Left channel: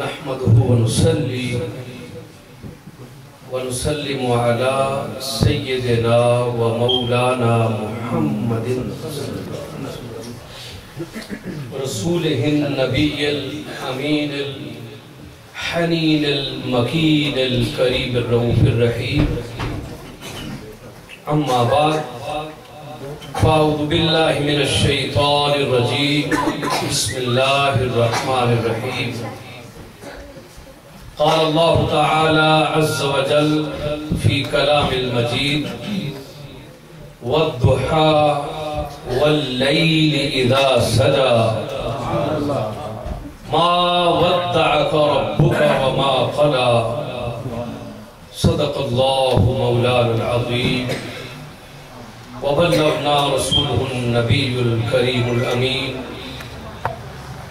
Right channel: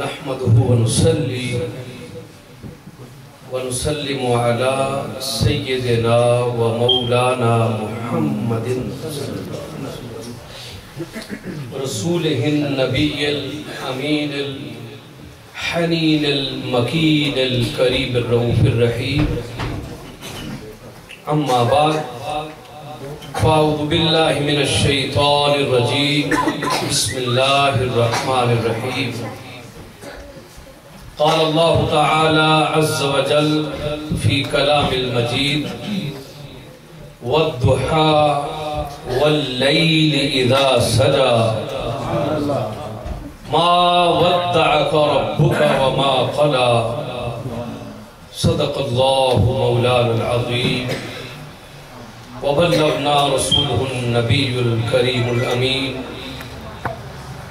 نحمده ونصلي ونسلم على سيدنا ومولانا محمد رسوله النبي الأمين الحنين المكين الكريم الرؤوف الرحيم. أما بعد، فأعوذ بالله من الشيطان الرجيم. بسم الله الرحمن الرحيم. قال الله تعالى عز وجل في كلام المجيد: والضحى والليل إذا سجى ما ودعك ربك وما قلى. صدق الله مولانا العظيم وبلغنا رسوله النبي الكريم الأمين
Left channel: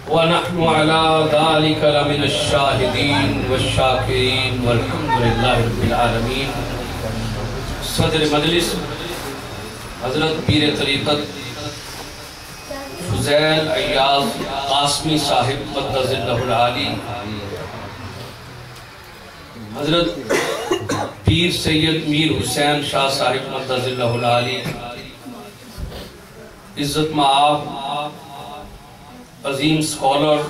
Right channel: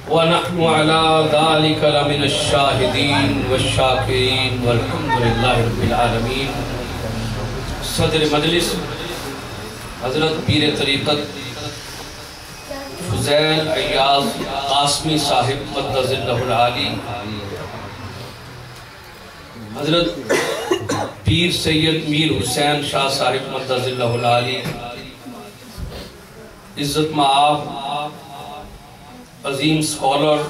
ونحن على ذلك لمن الشاهدين والشاكرين والحمد لله رب العالمين. صدر مجلس حضرت پیر طریقت فضیل ایاز قاسمی صاحب مقدس اللہ العالی، حضرت پیر سید میر حسین شاہ صاحب مقدس اللہ العالی، عزت مآب عظیم سکولر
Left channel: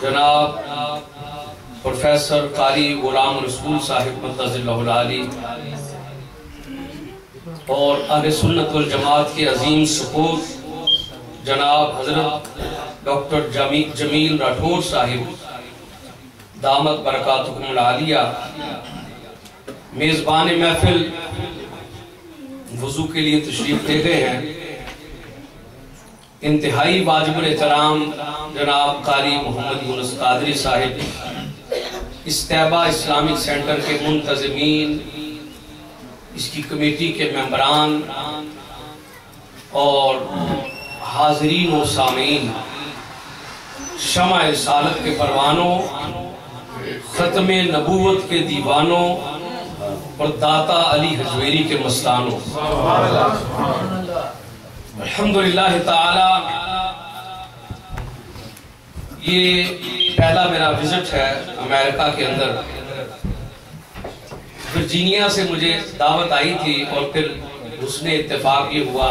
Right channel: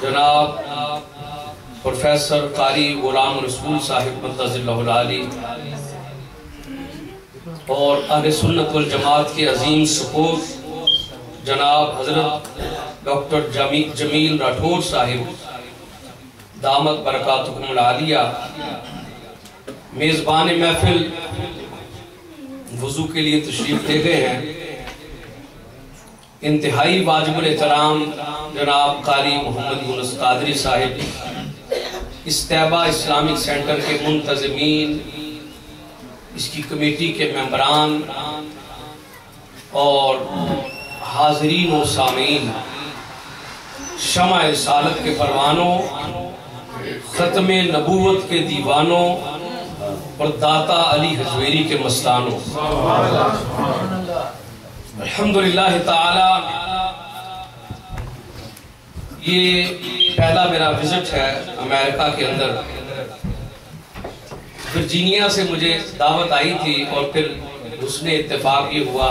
جناب پروفیسر قاری غلام رسول صاحب مقدس اللہ العالی، اور اہل سنت والجماعت کے عظیم سپوت جناب حضرت ڈاکٹر جمیل راٹھور صاحب دامت برکاتکم العالیہ، میزبان محفل وضو کے لیے تشریف لے گئے ہیں، انتہائی واجب الاحترام جناب قاری محمد یونس قادری صاحب، استیبہ اسلامک سینٹر کے منتظمین، اس کی کمیٹی کے ممبران اور حاضرین و سامعین، شمع رسالت کے پروانوں، ختم نبوت کے دیوانوں اور داتا علی حجویری کے مستانوں، الحمدللہ تعالی یہ پہلا میرا وزٹ ہے امریکہ کے اندر۔ ورجینیا سے مجھے دعوت آئی تھی اور پھر حسن اتفاق یہ ہوا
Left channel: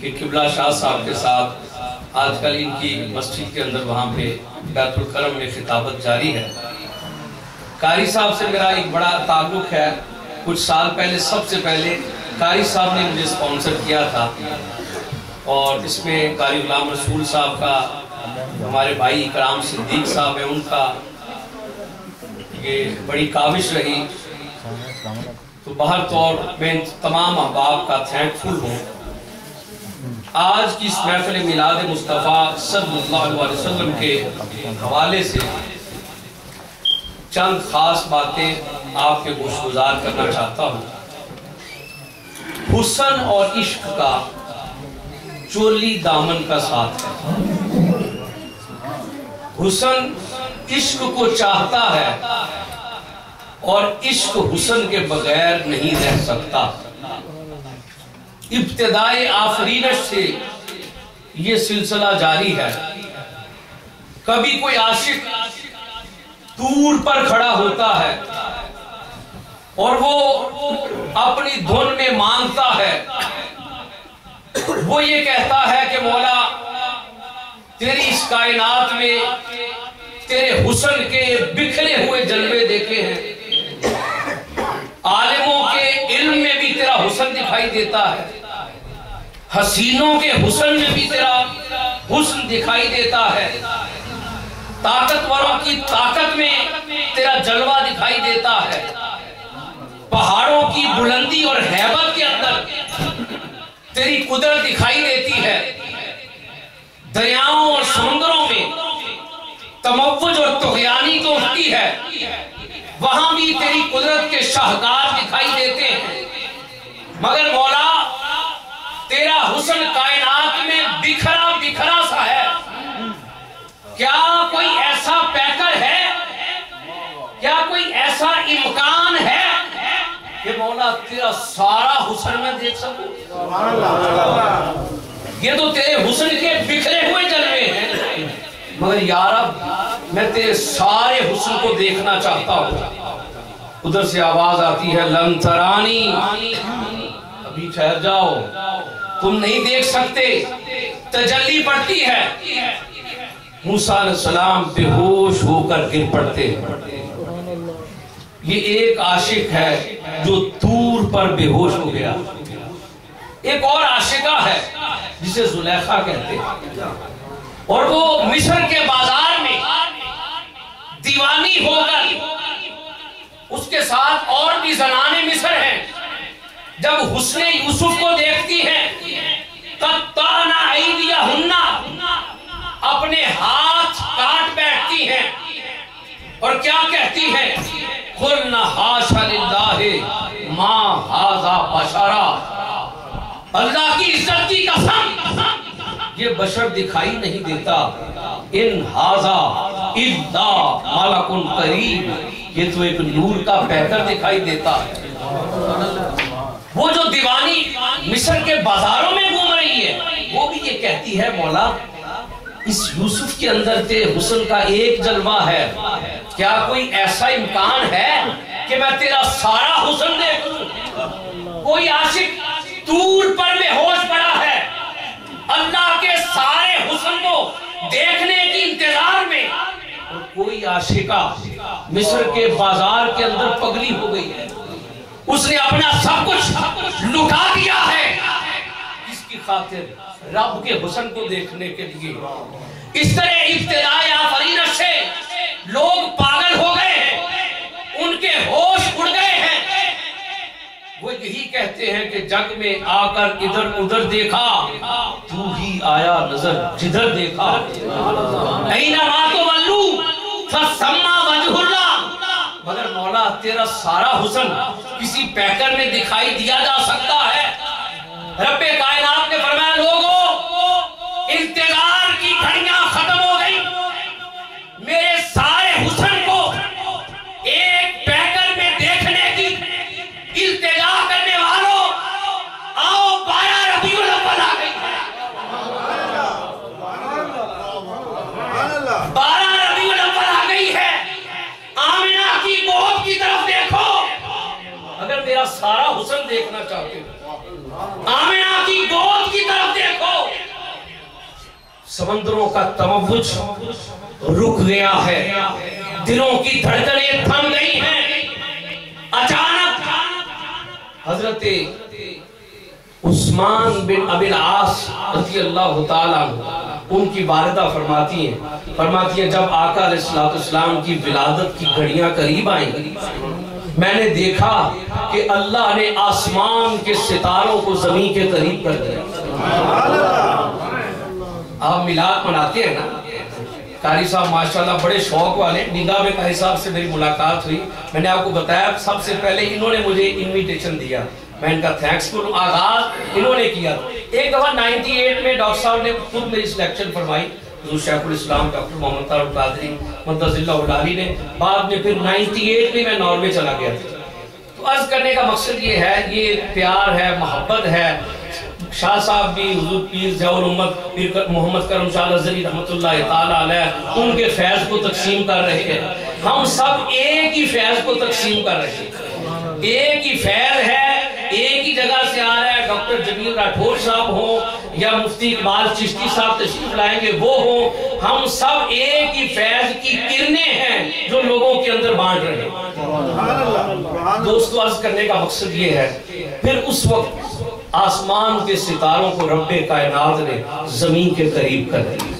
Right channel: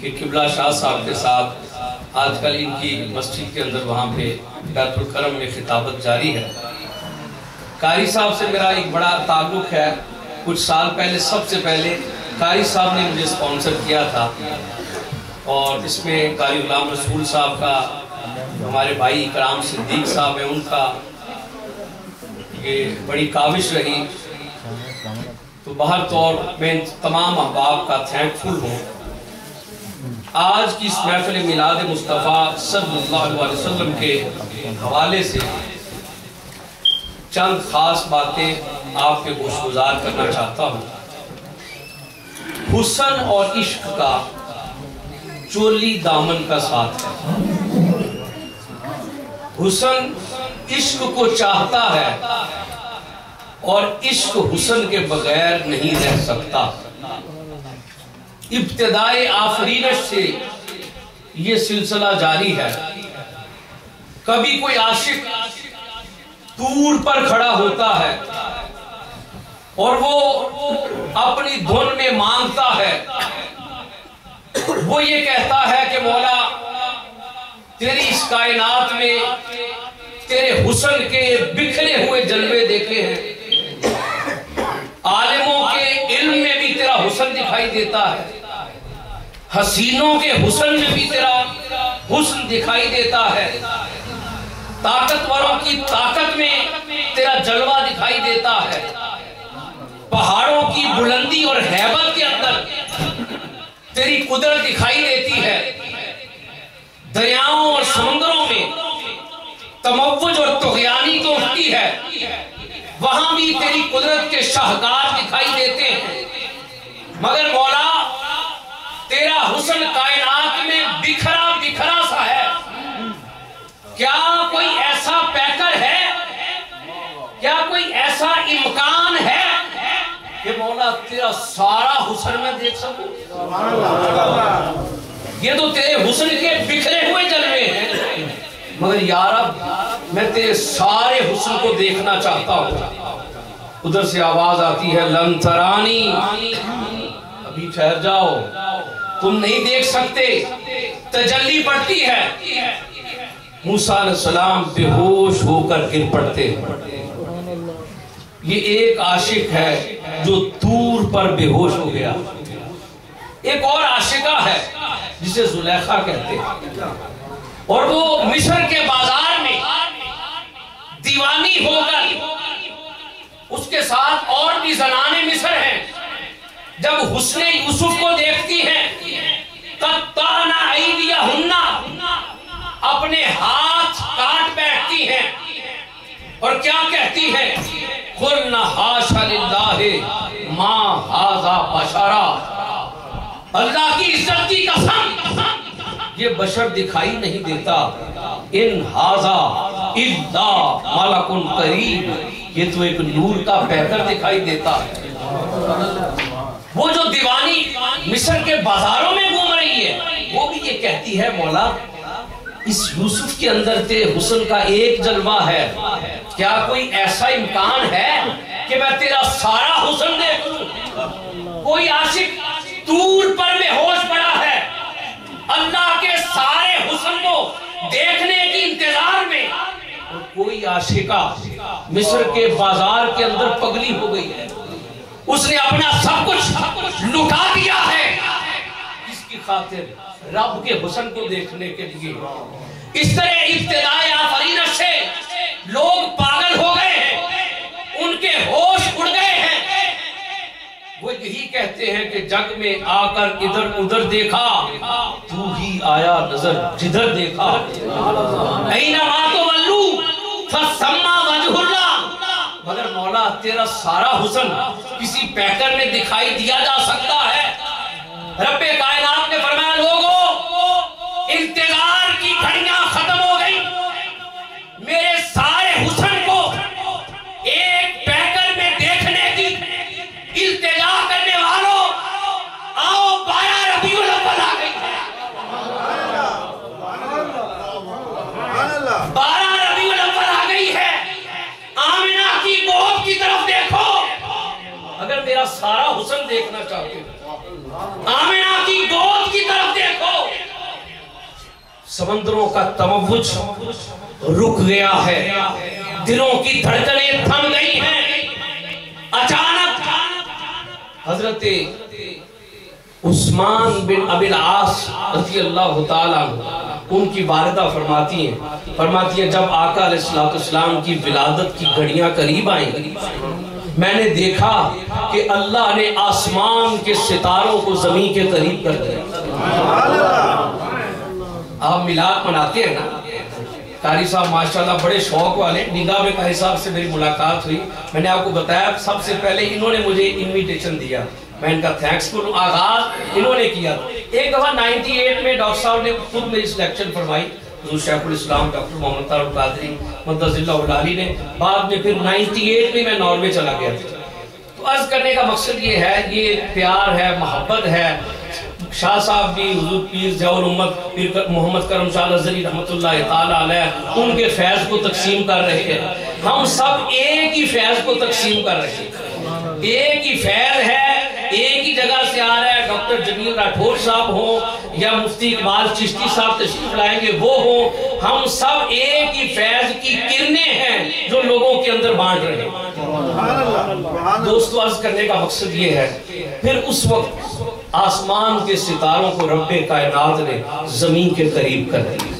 کہ قبلہ شاہ صاحب کے ساتھ آج کل ان کی مسجد کے اندر وہاں پہ بیت الکرم میں خطابت جاری ہے۔ قاری صاحب سے میرا ایک بڑا تعلق ہے، کچھ سال پہلے سب سے پہلے قاری صاحب نے مجھے سپانسر کیا تھا، اور اس میں قاری غلام رسول صاحب کا، ہمارے بھائی اکرام صدیق صاحب ہیں، ان کا یہ بڑی کاوش رہی۔ تو بہر طور میں تمام احباب کا تھینکفل ہوں۔ آج کی اس محفل میلاد مصطفیٰ صلی اللہ علیہ وسلم کے حوالے سے چند خاص باتیں آپ کے گوش گزار کرنا چاہتا ہوں۔ حسن اور عشق کا چولی دامن کا ساتھ ہے۔ حسن عشق کو چاہتا ہے اور عشق حسن کے بغیر نہیں رہ سکتا۔ ابتدائے آفرینش سے یہ سلسلہ جاری ہے۔ کبھی کوئی عاشق دور پر کھڑا ہوتا ہے اور وہ اپنی دھن میں مانگتا ہے، وہ یہ کہتا ہے کہ مولا تیری اس کائنات میں تیرے حسن کے بکھرے ہوئے جلوے دیکھے ہیں، عالموں کے علم میں بھی تیرا حسن دکھائی دیتا ہے، حسینوں کے حسن میں بھی تیرا حسن دکھائی دیتا ہے، طاقتوروں کی طاقت میں تیرا جلوہ دکھائی دیتا ہے، پہاڑوں کی بلندی اور ہیبت کے اندر تیری قدرت دکھائی دیتی ہے، دریاؤں اور سمندروں میں تموج اور طغیانی تو اٹھتی ہے، وہاں بھی تیری قدرت کے شاہکار دکھائی دیتے ہیں، مگر مولا تیرا حسن کائنات میں بکھرا بکھرا سا ہے۔ کیا کوئی ایسا پیکر ہے، کیا کوئی ایسا امکان ہے کہ مولا تیرا سارا حسن میں دیکھ سکوں؟ یہ تو تیرے حسن کے بکھرے ہوئے جلوے ہیں، مگر یا رب میں تیرے سارے حسن کو دیکھنا چاہتا ہوں. ادھر سے آواز آتی ہے لن ترانی، ابھی ٹھہر جاؤ، تم نہیں دیکھ سکتے. تجلی پڑتی ہے، موسیٰ علیہ السلام بے ہوش ہو کر گر پڑتے. یہ ایک عاشق ہے جو دور پر بے ہوش ہو گیا. ایک اور عاشقہ ہے جسے زلیخا کہتے ہیں، اور وہ مصر کے بازار میں دیوانی ہو کر، اس کے ساتھ اور بھی زنانے مصر ہیں، جب حسن یوسف کو دیکھتی ہیں قطعنا ایدیہن، اپنے ہاتھ کاٹ بیٹھتی ہیں اور کیا کہتی ہیں؟ قلنا حاشا للہ ما ھذا بشرا، اللہ کی عزت کی قسم یہ بشر دکھائی نہیں دیتا. ان ھذا الا ملک کریم، یہ تو ایک نور کا پیکر دکھائی دیتا ہے. وہ جو دیوانی مصر کے بازاروں میں گھوم رہی ہے وہ بھی یہ کہتی ہے مولا اس یوسف کے اندر تے حسن کا ایک جلوہ ہے، کیا کوئی ایسا امکان ہے کہ میں تیرا سارا حسن دیکھوں؟ کوئی عاشق دور پر بے ہوش پڑا ہے اللہ کے سارے حسن کو دیکھنے کی انتظار میں، اور کوئی عاشقہ مصر کے بازار کے اندر پگلی ہو گئی ہے. اس نے اپنا سب کچھ لٹا دیا ہے اس کی خاطر رب کے حسن کو دیکھنے کے لیے. اس طرح ابتدائی آفرینت سے لوگ پاگل ہو گئے ہیں، ان کے ہوش اڑ گئے ہیں. وہ یہی کہتے ہیں کہ جگ میں آ کر ادھر ادھر دیکھا، تو ہی آیا نظر جدھر دیکھا. اینما تولو فثم وجہ اللہ، مگر مولا تیرا سارا حسن کسی پیکر میں دکھائی دیا جا سکتا ہے؟ رب کائنات نے فرمایا لوگو انتظار کی گھڑیاں ختم ہو گئی، میرے سارے حسن کو ایک پیکر میں دیکھنے کی التجا کرنے والوں آؤ 12 ربیع الاول آ گئی ہے. 12 ربیع الاول آ گئی ہے، آمنہ کی گود کی طرف دیکھو اگر میرا سارا حسن دیکھنا چاہتے ہو. آمنہ کی گود کی طرف دیکھو. سمندروں کا تموج رک گیا ہے، دلوں کی دھڑکنیں تھم گئی ہیں. اچانک حضرت عثمان بن ابی العاص رضی اللہ تعالیٰ ان کی والدہ فرماتی ہیں جب آقا علیہ السلام کی ولادت کی گھڑیاں قریب آئیں میں نے دیکھا کہ اللہ نے آسمان کے ستاروں کو زمین کے قریب کر دیا. آپ میلاد مناتے ہیں نا، قاری صاحب ماشاءاللہ بڑے شوق والے. نگاہ میں قاری صاحب سے میری ملاقات ہوئی، میں نے آپ کو بتایا سب سے پہلے انہوں نے مجھے انویٹیشن دیا، میں ان کا تھینکس کروں. آغاز انہوں نے کیا. ایک دفعہ 98 میں ڈاکٹر صاحب نے خود میری سلیکشن فرمائی، حضور شیخ الاسلام ڈاکٹر محمد طارق القادری مدثر اللہ علی نے. بعد میں پھر 98 میں ناروے چلا گیا تھا. تو عرض کرنے کا مقصد یہ ہے، یہ پیار ہے، محبت ہے. شاہ صاحب بھی حضور پیر ضیاء الامت پیر محمد کرم شاہ الازہری رحمت اللہ تعالیٰ علیہ ان کے فیض کو تقسیم کر رہے ہیں. ہم سب ایک ہی فیض کو تقسیم کر رہے ہیں، ایک ہی فیض ہے، ایک ہی جگہ سے آ رہا ہے. ڈاکٹر جمیل راٹھور صاحب ہوں یا مفتی اقبال چشتی صاحب تشریف لائیں گے وہ ہوں، ہم سب ایک ہی فیض کی کرنیں ہیں جو لوگوں کے اندر بانٹ رہے ہیں. دوستو عرض کرنے کا مقصد یہ ہے، پھر اس وقت آسمان کے ستاروں کو رب کائنات نے زمین کے قریب کر دیا.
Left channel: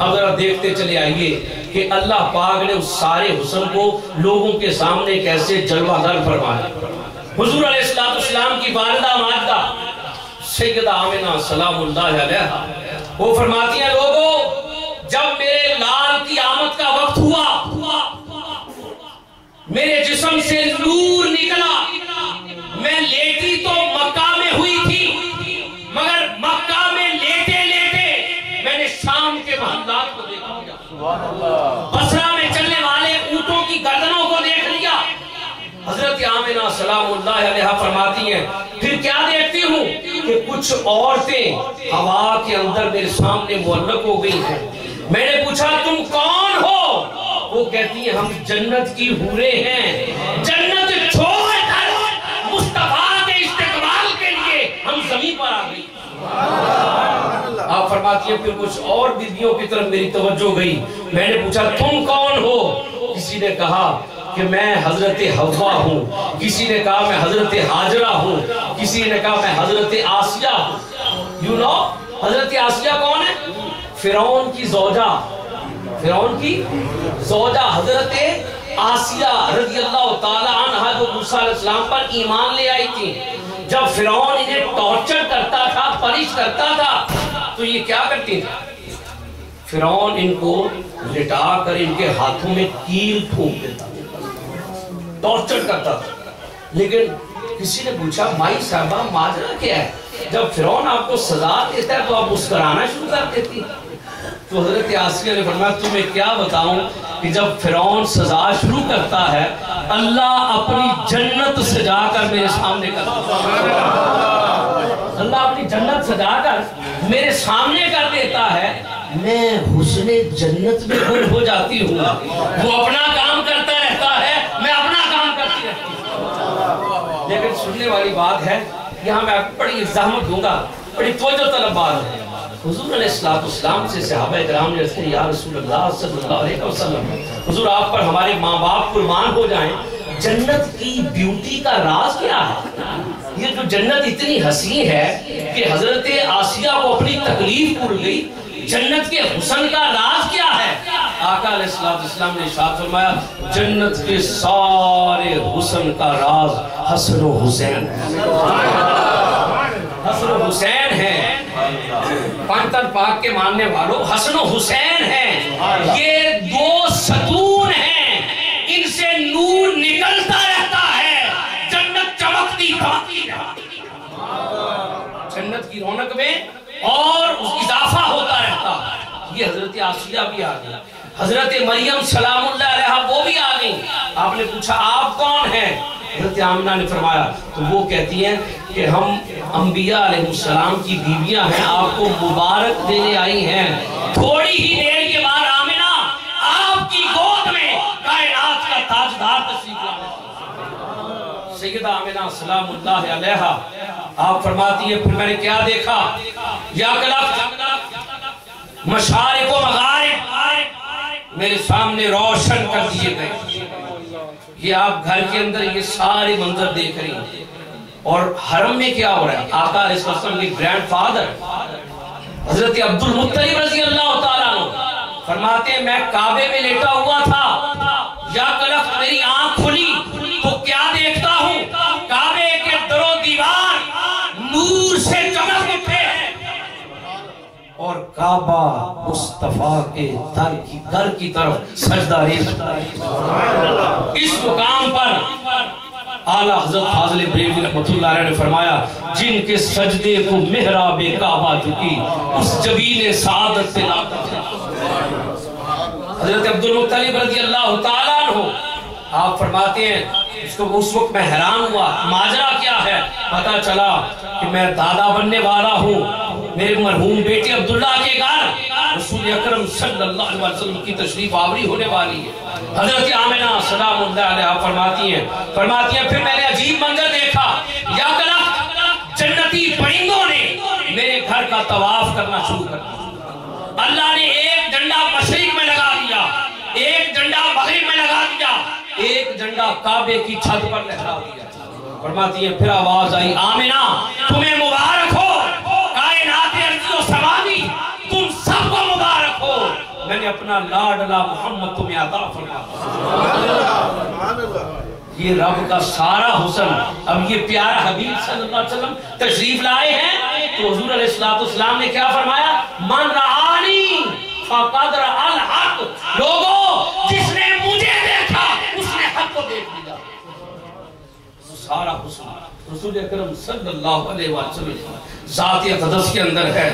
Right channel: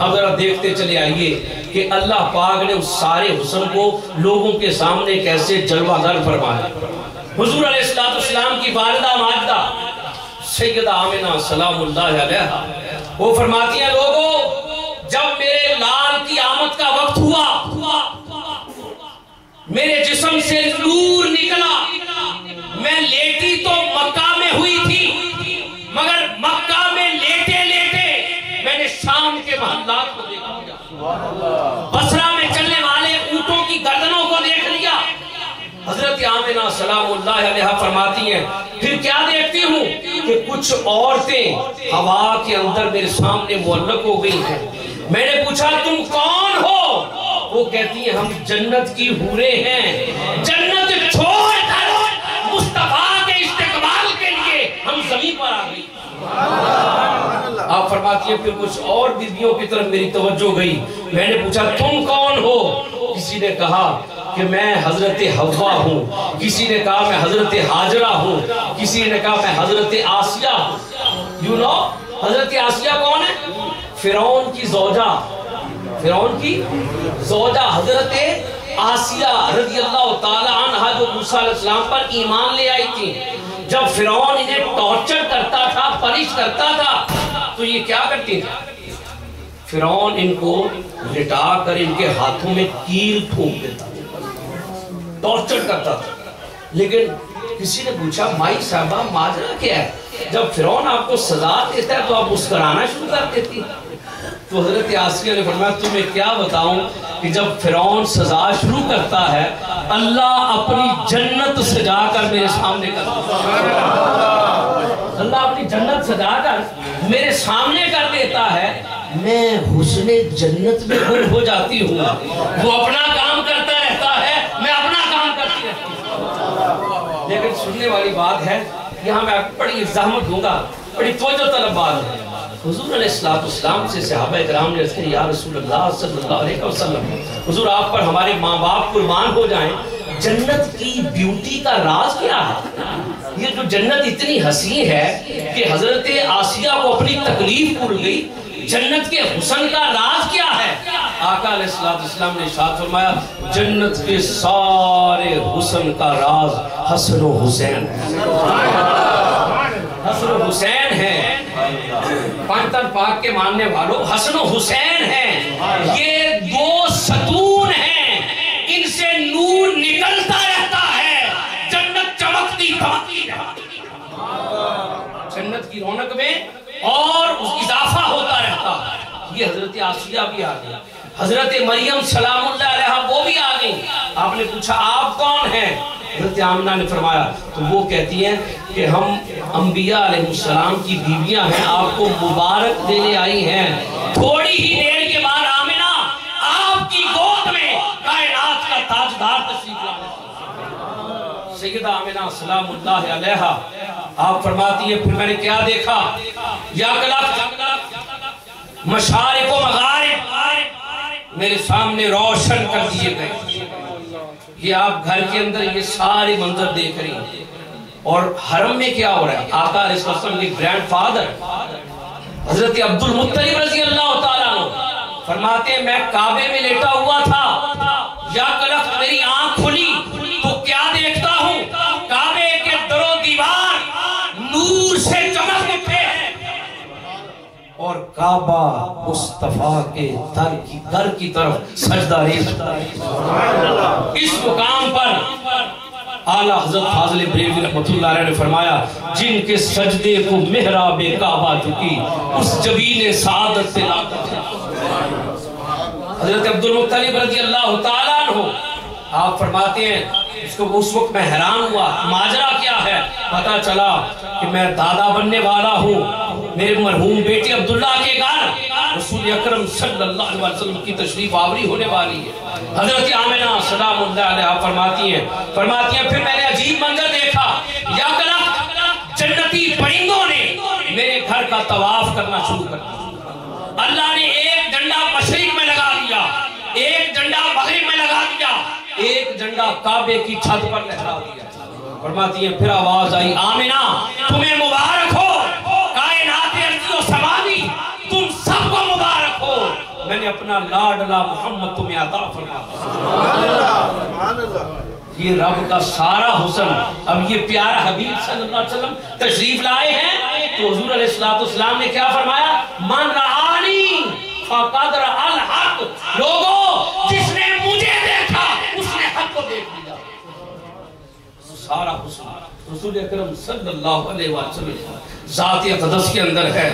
اب ذرا دیکھتے چلے آئیے کہ اللہ پاک نے اس سارے حسن کو لوگوں کے سامنے کیسے جلوہ گر فرمایا. حضور علیہ السلام کی والدہ ماجدہ سیدہ آمنہ سلام اللہ علیہا وہ فرماتی ہیں لوگوں جب میرے لال کی آمد کا وقت ہوا میرے جسم سے نور نکلا. میں لیٹی تو مکہ میں ہوئی تھی، مگر مکہ میں لیٹے لیٹے میں نے شام کے محلات کو دیکھ لیا، بصرہ میں چلنے والے اونٹوں کی گردنوں کو دیکھ لیا. حضرت آمنہ سلام اللہ علیہا فرماتی ہیں پھر کیا دیکھتی ہوں کہ کچھ عورتیں ہوا کے اندر میرے سامنے معلق ہو گئی ہیں. میں نے پوچھا تم کون ہو؟ ہم جنت کی حوریں ہیں، جنت چھوڑ کر مصطفیٰ کے استقبال کے لیے ہم زمین پر آ گئی۔ آپ فرماتی ہیں پھر کچھ اور بیویوں کی طرف میری توجہ گئی، میں نے پوچھا تم کون ہو؟ کسی نے کہا کہ میں حضرت حوا ہوں، کسی نے کہا میں حضرت حاجرہ ہوں، کسی نے کہا میں حضرت آسیہ ہوں۔ یو نو حضرت آسیہ کون ہے؟ فرعون کی زوجہ، فرعون کی زوجہ حضرت آسیہ رضی اللہ تعالی عنہ جو موسیٰ علیہ السلام پر ایمان لے آئی تھی۔ جب فرعون انہیں ٹارچر کرتا تھا، پنش کرتا تھا، تو یہ کیا کرتی تھی؟ فرعون ان کو لٹا کر ان کے ہاتھوں میں کیل پھونک دیتا، ٹارچر کرتا تھا۔ لیکن کسی نے پوچھا مائی صاحبہ ماجرا کیا ہے؟ جب فرعون آپ کو سزا دیتا ہے تو آپ مسکرانا شروع کر دیتی۔ تو حضرت آسیہ نے فرمایا تمہیں کیا بتاؤں کہ جب فرعون سزا شروع کرتا ہے اللہ اپنی جنت سجا کر میرے سامنے کرتا ہے، اللہ اپنی جنت سجا کر میرے سامنے کر دیتا ہے، میں حسن جنت میں گم ہو جاتی ہوں۔ وہ اپنا کام کرتا رہتا ہے، میں اپنا کام کرتی رہتی ہوں۔ لیکن سننے والی بات ہے، یہاں میں آپ کو بڑی زحمت دوں گا، بڑی توجہ طلب بات ہے۔ حضور علیہ السلام سے صحابہ کرام نے عرض کیا یا رسول اللہ صلی اللہ علیہ وسلم، حضور آپ پر ہمارے ماں باپ قربان ہو جائیں، جنت کی بیوٹی کا راز کیا ہے؟ یہ جو جنت اتنی حسین ہے کہ حضرت آسیہ کو اپنی تکلیف بھول گئی، جنت کے حسن کا راز کیا ہے؟ آقا علیہ السلام نے ارشاد فرمایا جنت کے سارے حسن کا راز حسن و حسین، حسن و حسین ہے۔ پانتر پاک کے ماننے والوں حسن و حسین ہیں، یہ دو ستون ہیں، ان سے نور نکلتا رہتا ہے، جنت چمکتی دھمکتی رہتی ہے، جنت کی رونق میں اور اضافہ ہوتا رہتا ہے۔ یہ حضرت آسیہ بھی آ گئی، حضرت مریم سلام اللہ علیہا وہ بھی آ گئی۔ آپ نے پوچھا آپ کون ہیں؟ حضرت آمنہ نے فرمایا تو وہ کہتی ہیں کہ ہم انبیاء علیہ السلام کی بیویاں ہیں، آپ کو مبارک دینے آئی ہیں۔ تھوڑی ہی دیر کے بعد آمنہ آپ کی گود میں کائنات کا تاجدار تشریف لایا، سیدہ آمنہ سلام اللہ علیہا۔ آپ فرماتی ہیں پھر میں نے کیا دیکھا؟ یا کلک مشارق و مغارب میرے سامنے روشن کر دیے گئے۔ یہ آپ گھر کے اندر یہ سارے منظر دیکھ رہی ہیں، اور حرم میں کیا ہو رہا ہے؟ آقا علیہ السلام کے گرینڈ فادر حضرت عبد المطلب رضی اللہ تعالیٰ عنہ فرماتے ہیں میں کعبے میں لیٹا ہوا تھا، یا کلک میری آنکھ کھلی تو کیا دیکھتا ہوں؟ کعبے کے در و دیوار نور سے چمک اٹھے اور کعبہ مصطفیٰ کے در کی طرف سجدہ ریز۔ اس مقام پر اعلیٰ حضرت فاضل بریلوی رحمت اللہ علیہ نے فرمایا جن کے سجدے کو محراب کعبہ جھکی اس جبین سعادت پہ لاتا۔ حضرت عبد المطلب رضی اللہ تعالیٰ عنہ آپ فرماتے ہیں اس وقت میں حیران ہوا ماجرا کیا ہے؟ پتا چلا کہ میں دادا بننے والا ہوں، میرے مرحوم بیٹے عبداللہ کے گھر رسول اکرم صلی اللہ علیہ وسلم کی تشریف آوری ہونے والی ہے۔ حضرت آمنہ سلام اللہ علیہ فرماتی ہیں پھر میں نے عجیب منظر دیکھا، یا کلک جنتی پرندوں نے میرے گھر کا طواف کرنا شروع کر دیا۔ اللہ نے ایک ڈنڈا مشرق میں لگا دیا، ایک ڈنڈا مغرب میں لگا دیا، ایک ڈنڈا کعبے کی چھت پر لہرا دیا۔ فرماتی ہیں پھر آواز آئی آمنہ تمہیں مبارک ہو، کائنات ارض و سماوی تم سب کو مبارک ہو، میں نے اپنا لاڈلا محمد تمہیں عطا فرمایا۔ یہ رب کا سارا حسن اب یہ پیارا حبیب صلی اللہ علیہ وسلم تشریف لائے ہیں تو حضور علیہ السلام نے کیا فرمایا؟ من رآنی فقد رأى الحق، لوگوں جس نے مجھے دیکھا اس نے حق کو دیکھ لیا۔ سارا حسن رسول اکرم صلی اللہ علیہ وسلم ذات اقدس کے اندر ہے۔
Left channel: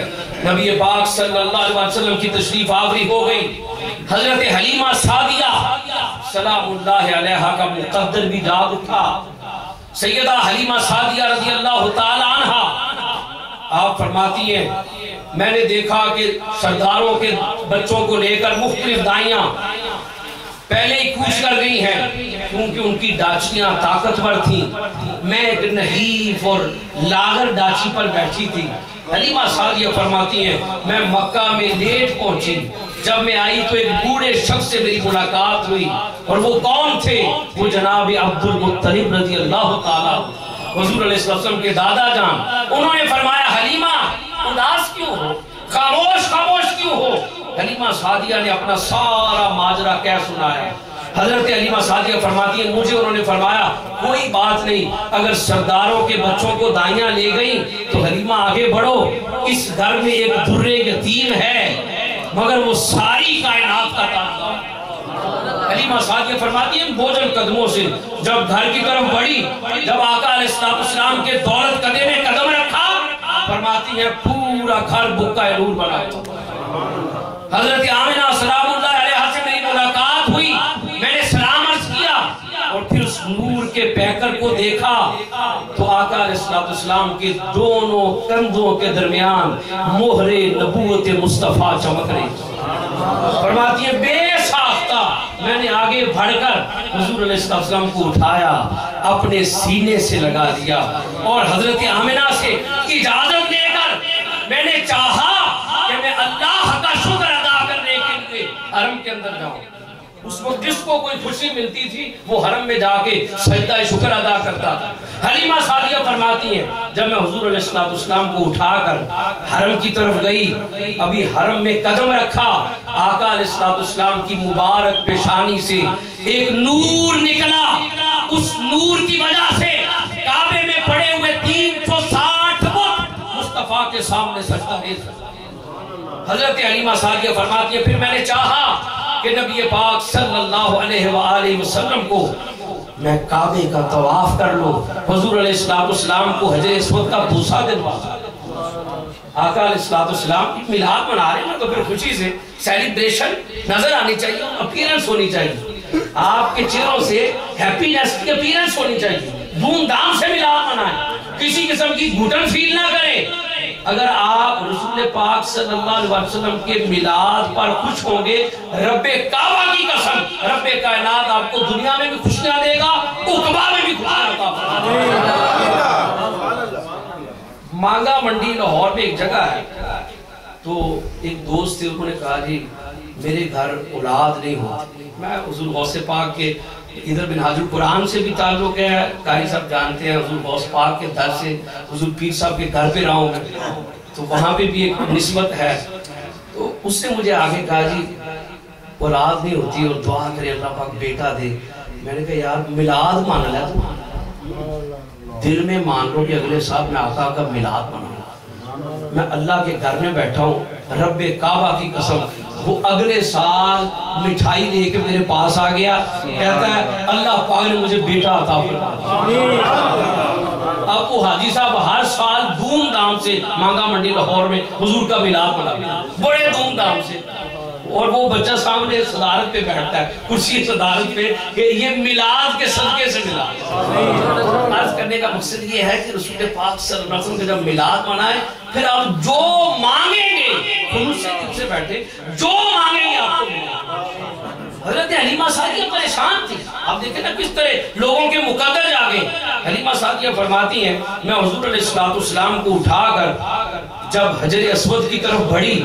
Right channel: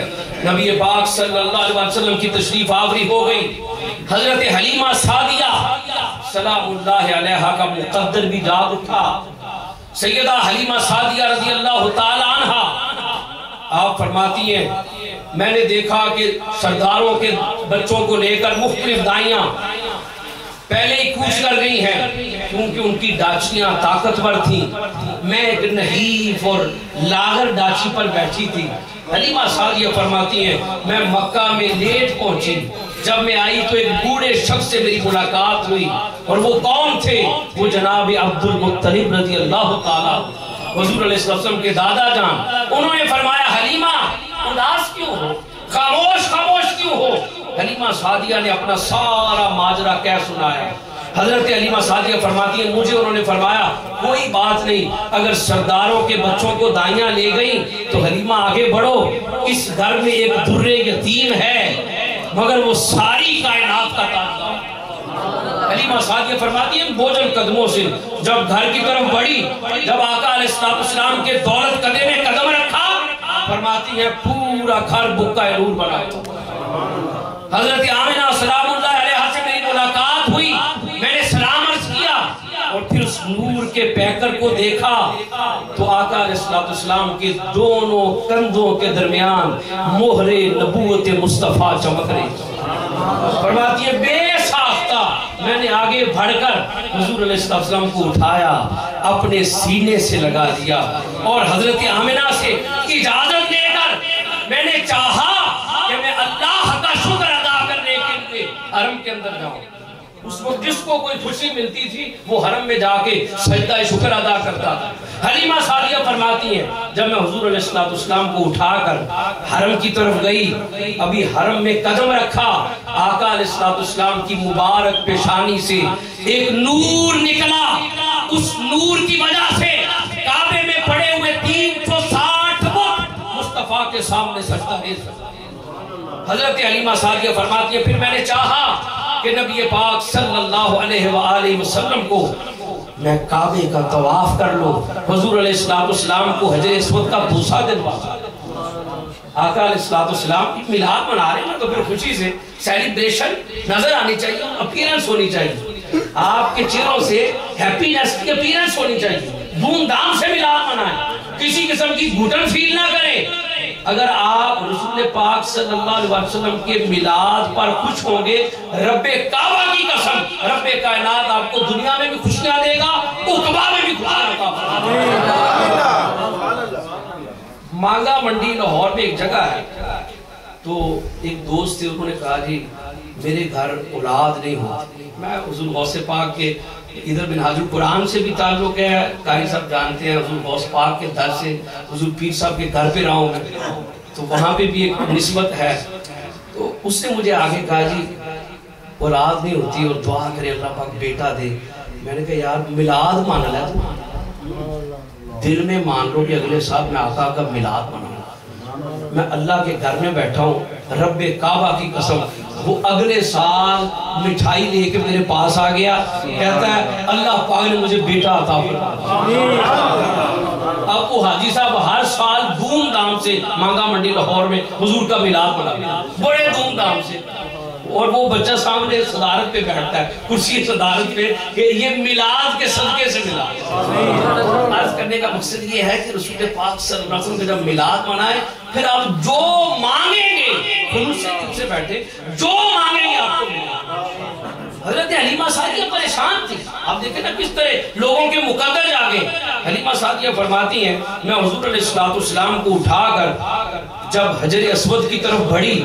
نبی پاک صلی اللہ علیہ وسلم کی تشریف آوری ہو گئی۔ حضرت حلیمہ سعدیہ سلام اللہ علیہا کا مقدر بھی جاگ اٹھا۔ سیدہ حلیمہ سعدیہ رضی اللہ تعالی عنہ آپ فرماتی ہیں میں نے دیکھا کہ سرداروں کے بچوں کو لے کر مختلف دائیاں پہلے ہی کوچ کر گئی ہیں کیونکہ ان کی ڈاچیاں طاقتور تھیں، میں ایک نحیف اور لاغر ڈاچی پر بیٹھی تھی۔ حلیمہ سعدیہ فرماتی ہیں میں مکہ میں لیٹ پہنچی، جب میں آئی تو ایک بوڑھے شخص سے میری ملاقات ہوئی، اور وہ کون تھے؟ وہ جناب عبد المطلب رضی اللہ تعالیٰ حضور علیہ السلام کے دادا جان۔ انہوں نے فرمایا حلیمہ اداس کیوں ہو، خاموش کیوں ہو؟ حلیمہ سعدیہ نے اپنا سارا ماجرا کہہ سنایا۔ حضرت حلیمہ سعدیہ فرماتی ہیں مجھے انہوں نے فرمایا کوئی بات نہیں، اگر سرداروں کے بچوں کو دائیاں لے گئیں تو حلیمہ آگے بڑھو، اس گھر میں ایک درے یتیم ہے مگر وہ ساری کائنات کا تاجدار۔ حلیمہ سعدیہ فرماتی ہیں بوجھل قدموں سے جب گھر کی طرف بڑھی، جب آقا علیہ السلام کے دولت قدے میں قدم رکھا، فرماتی ہیں پورا گھر بکا نور بنا۔ حضرت آمنہ سلام اللہ علیہ سے میری ملاقات ہوئی، میں نے سلام عرض کیا اور پھر اس نور کے پیکر کو دیکھا تو آقا علیہ السلام کے دونوں کندھوں کے درمیان مہر نبوت مصطفیٰ چمک رہی۔ فرماتی ہے بے ساختہ میں نے آگے بڑھ کر حضور علیہ السلام کو اٹھایا، اپنے سینے سے لگا دیا اور حضرت آمنہ سے اجازت لے کر میں نے چاہا کہ میں اللہ کا شکر ادا کرنے کے لیے حرم کے اندر جاؤں۔ اس وقت جس کو کوئی خوشی ملتی تھی وہ حرم میں جا کے سجدہ شکر ادا کرتا تھا۔ حلیمہ سعدیہ فرماتی ہیں جب میں حضور علیہ السلام کو اٹھا کر حرم کی طرف گئی، ابھی حرم میں قدم رکھا، آقا علیہ السلام کی مبارک پیشانی سے ایک نور نکلا، اس نور کی وجہ سے کعبے میں پڑے ہوئے 360 بت مصطفیٰ کے سامنے سجدہ ریز۔ حضرت حلیمہ سعدیہ فرماتی ہے پھر میں نے چاہا کہ نبی پاک صلی اللہ علیہ وآلہ وسلم کو میں کعبے کا طواف کر لوں، حضور علیہ السلام کو حجر اسود کا بوسہ دلوا۔ آقا علیہ السلام میلاد منا رہے ہیں تو پھر خوشی سے سیلیبریشن نظر آنی چاہیے، اپیرنس ہونی چاہیے، آپ کے چہروں سے ہیپینس کی اپیرنس ہونی چاہیے، دھوم دھام سے میلاد منائیں، کسی قسم کی گھٹن فیل نہ کریں۔ اگر آپ رسول پاک صلی اللہ علیہ وسلم کے میلاد پر خوش ہوں گے، رب کعبہ کی قسم رب کائنات آپ کو دنیا میں بھی خوشیاں دے گا، عقبہ میں بھی خوشیاں عطا فرمائے گا۔ مانگا منڈی لاہور میں ایک جگہ ہے، تو ایک دوست تھے، انہوں نے کہا جی میرے گھر اولاد نہیں ہوتی، میں حضور غوث پاک کے ادھر منہاج القرآن سے بھی تعلق ہے، قاری صاحب جانتے ہیں، حضور غوث پاک کے در سے حضور پیر صاحب کے گھر پہ رہا ہوں تو وہاں پہ بھی ایک نسبت ہے۔ تو اس نے مجھے آگے کہا جی اولاد نہیں ہوتی اور دعا کرے اللہ پاک بیٹا دے۔ میں نے کہا یار میلاد مان لیا تو دل میں مان لو کہ اگلے سال میں آقا کا میلاد مناؤں، میں اللہ کے گھر میں بیٹھا ہوں، رب کعبہ کی قسم وہ اگلے سال مٹھائی لے کے میرے پاس آ گیا، کہتا ہے اللہ پاک نے مجھے بیٹا عطا فرمایا۔ اب وہ حاجی صاحب ہر سال دھوم دھام سے مانگا منڈی لاہور میں حضور کا میلاد مناتے بڑے دھوم دھام سے، اور وہ بچہ سامنے صدارت پہ بیٹھتا ہے، کرسی صدارت پہ، کہ یہ میلاد کے صدقے سے ملا۔ عرض کرنے کا مقصد یہ ہے کہ رسول پاک صلی اللہ علیہ وسلم کے جب میلاد منائے پھر آپ جو مانگیں گے خلوص سے دل سے بیٹھے، جو مانگیں گے آپ کو ملے گا۔ حضرت حلیمہ سعدیہ پریشان تھی، آپ دیکھیں نا کس طرح لوگوں کے مقدر جاگے۔ حلیمہ سعدیہ فرماتی ہیں میں حضور علیہ السلام کو اٹھا کر جب حجر اسود کی طرف بڑھی،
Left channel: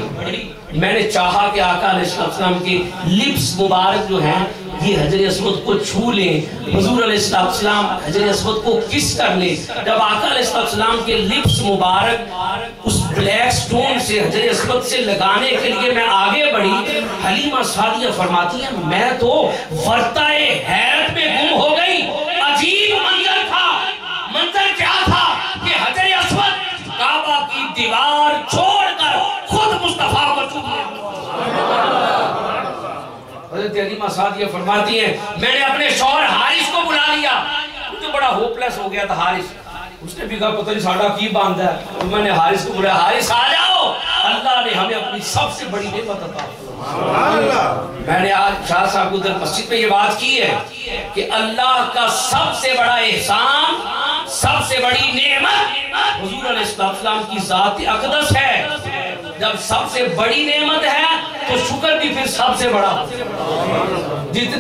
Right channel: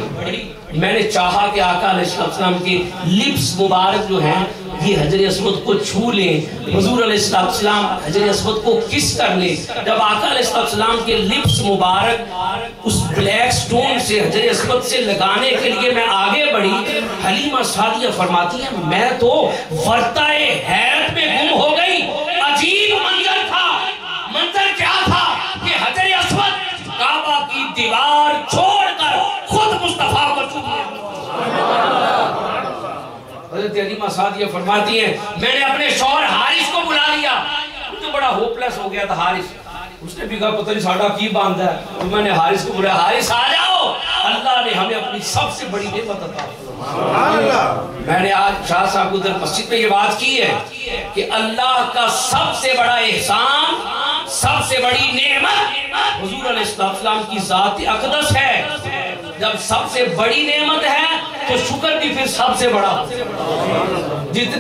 میں نے چاہا کہ آقا علیہ السلام کی لپس مبارک جو ہیں یہ حجر اسود کو چھو لیں، حضور علیہ السلام حجر اسود کو کس کر لیں۔ جب آقا علیہ السلام کے لپس مبارک اس بلیک سٹون سے حجر اسود سے لگانے کے لیے میں آگے بڑھی، حلیمہ سعدیہ فرماتی ہیں میں تو ورطۂ حیرت میں گم ہو گئی۔ عجیب منظر تھا، منظر کیا تھا کہ حجر اسود کعبہ کی دیوار چھوڑ کر خود مصطفیٰ کو چھو لیا۔ حضرت حلیمہ سعدیہ فرماتی ہیں میں نے اپنے شوہر حارث کو بلا لیا، مجھے بڑا ہوپلیس ہو گیا تھا حارث، اس نے بھی کہا پتہ نہیں ساڑھا کی باندھا ہے، تو میں نے حارث کو بلایا حارث آ جاؤ، اللہ نے ہمیں اپنی سب سے بڑی نعمت عطا فرمائی۔ میں نے آج شاہ صاحب کو در مسجد میں یہ بات کی ہے کہ اللہ کا سب سے بڑا احسان، سب سے بڑی نعمت حضور علیہ السلام کی ذات اقدس ہے۔ جب سب سے بڑی نعمت ہے تو شکر بھی پھر سب سے بڑا، جس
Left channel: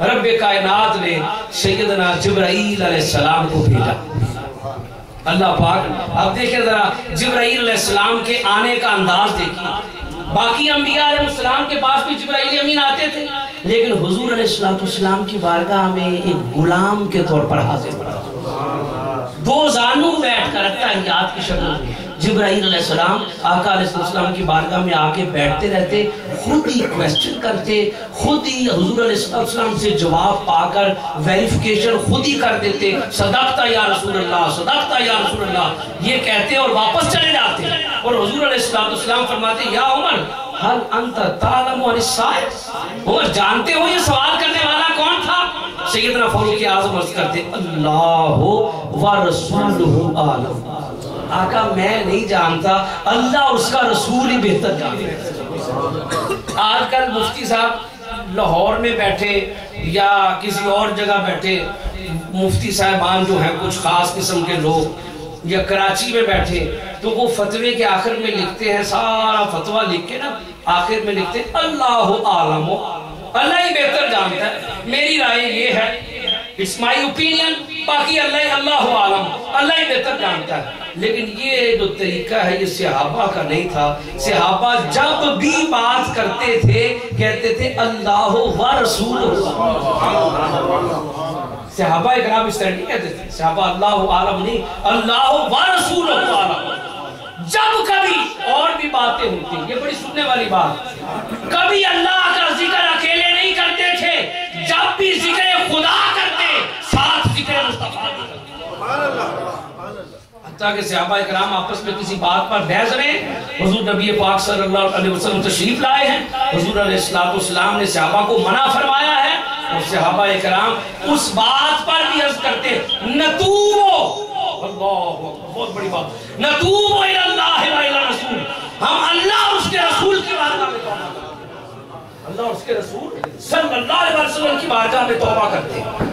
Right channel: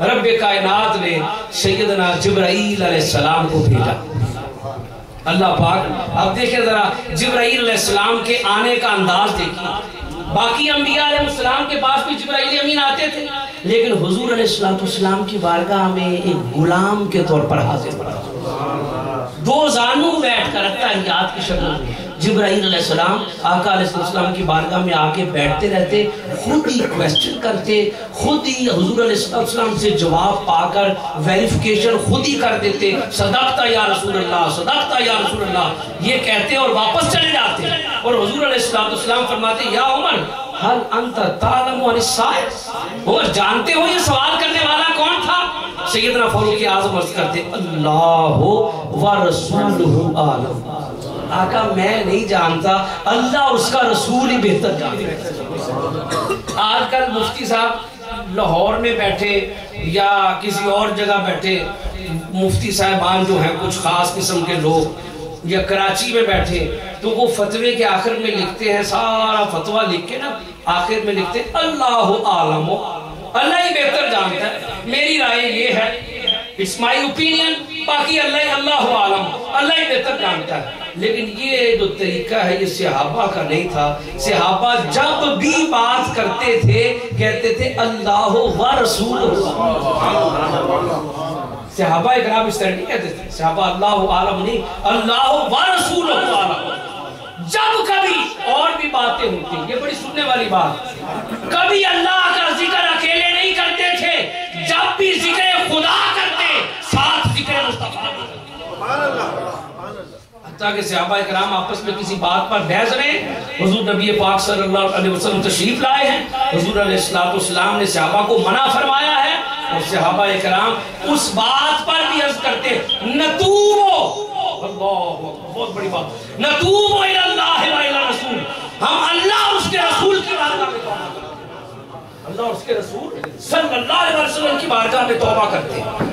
رب کائنات نے سیدنا جبرائیل علیہ السلام کو بھیجا. اللہ پاک اب دیکھیں ذرا جبرائیل علیہ السلام کے آنے کا انداز دیکھیں. باقی انبیاء علیہ السلام کے پاس بھی جبرائیل امین آتے تھے، لیکن حضور علیہ السلام کی بارگاہ میں ایک غلام کے طور پر حاضر ہوا. دو زانوں بیٹھ کر اتحیات کی شکل میں جبرائیل علیہ السلام آقا علیہ السلام کی بارگاہ میں آ کے بیٹھتے رہتے، خود ہی کویسچن کرتے، خود ہی حضور علیہ السلام سے جواب پا کر ویریفیکیشن خود ہی کر دیتے. صدقتا یا رسول اللہ، صدقتا یا رسول اللہ یہ کہتے اور واپس چلے جاتے. اور حضور علیہ السلام فرماتے یا عمر حل انت تعلم عن السائل، عمر جانتے ہو یہ سوال کرنے والا کون تھا؟ سیدنا فاروق اعظم عرض کرتے اللہ و رسولہ عالم. آقا میں نہیں جانتا، اللہ اور اس کا رسول ہی بہتر جانتے ہیں. آج کل مفتی صاحب لاہور میں بیٹھے یا کسی اور جگہ بیٹھے، مفتی صاحبان جو ہیں کچھ خاص قسم کے لوگ، یا کراچی میں بیٹھے تو وہ فتوے کے آخر میں لکھتے ہیں، سارا فتوہ لکھ کے نا آخر میں لکھتے ہیں اللہ عالم، اللہ ہی بہتر جانتا ہے، میری رائے یہ ہے، it's my opinion، باقی اللہ عالم، اللہ ہی بہتر جانتا ہے. لیکن یہ جو طریقہ ہے یہ صحابہ کا نہیں تھا. صحابہ جب بھی بات کرتے تھے کہتے تھے اللہ و رسول. صحابہ اکرام اس طرح نہیں کہتے تھے، صحابہ اللہ عالم نہیں، اللہ و رسول عالم. جب کبھی اور بھی باتیں ہوتی، یہ بڑی سننے والی بات، کبھی اللہ کا ذکر اکیلے نہیں کرتے تھے، جب بھی ذکر خدا کرتے ساتھ ذکر مصطفیٰ بھی کرتے. حتیٰ کہ صحابہ اکرام آپس میں کسی بات پر بحث رہے، حضور نبی پاک صلی اللہ علیہ وسلم تشریف لائے ہیں، حضور علیہ السلام نے صحابہ کو منع فرمایا ہے، اور صحابہ اکرام اس بات پر بھی عرض کرتے نتوبو، اللہ بہت بڑی بات، نتوبو الی اللہ و الی رسول، ہم اللہ اور اس کے رسول کی بارگاہ میں توبہ کرتے ہیں، اللہ اور اس کے رسول صلی اللہ علیہ وسلم کی بارگاہ میں توبہ کرتے ہیں.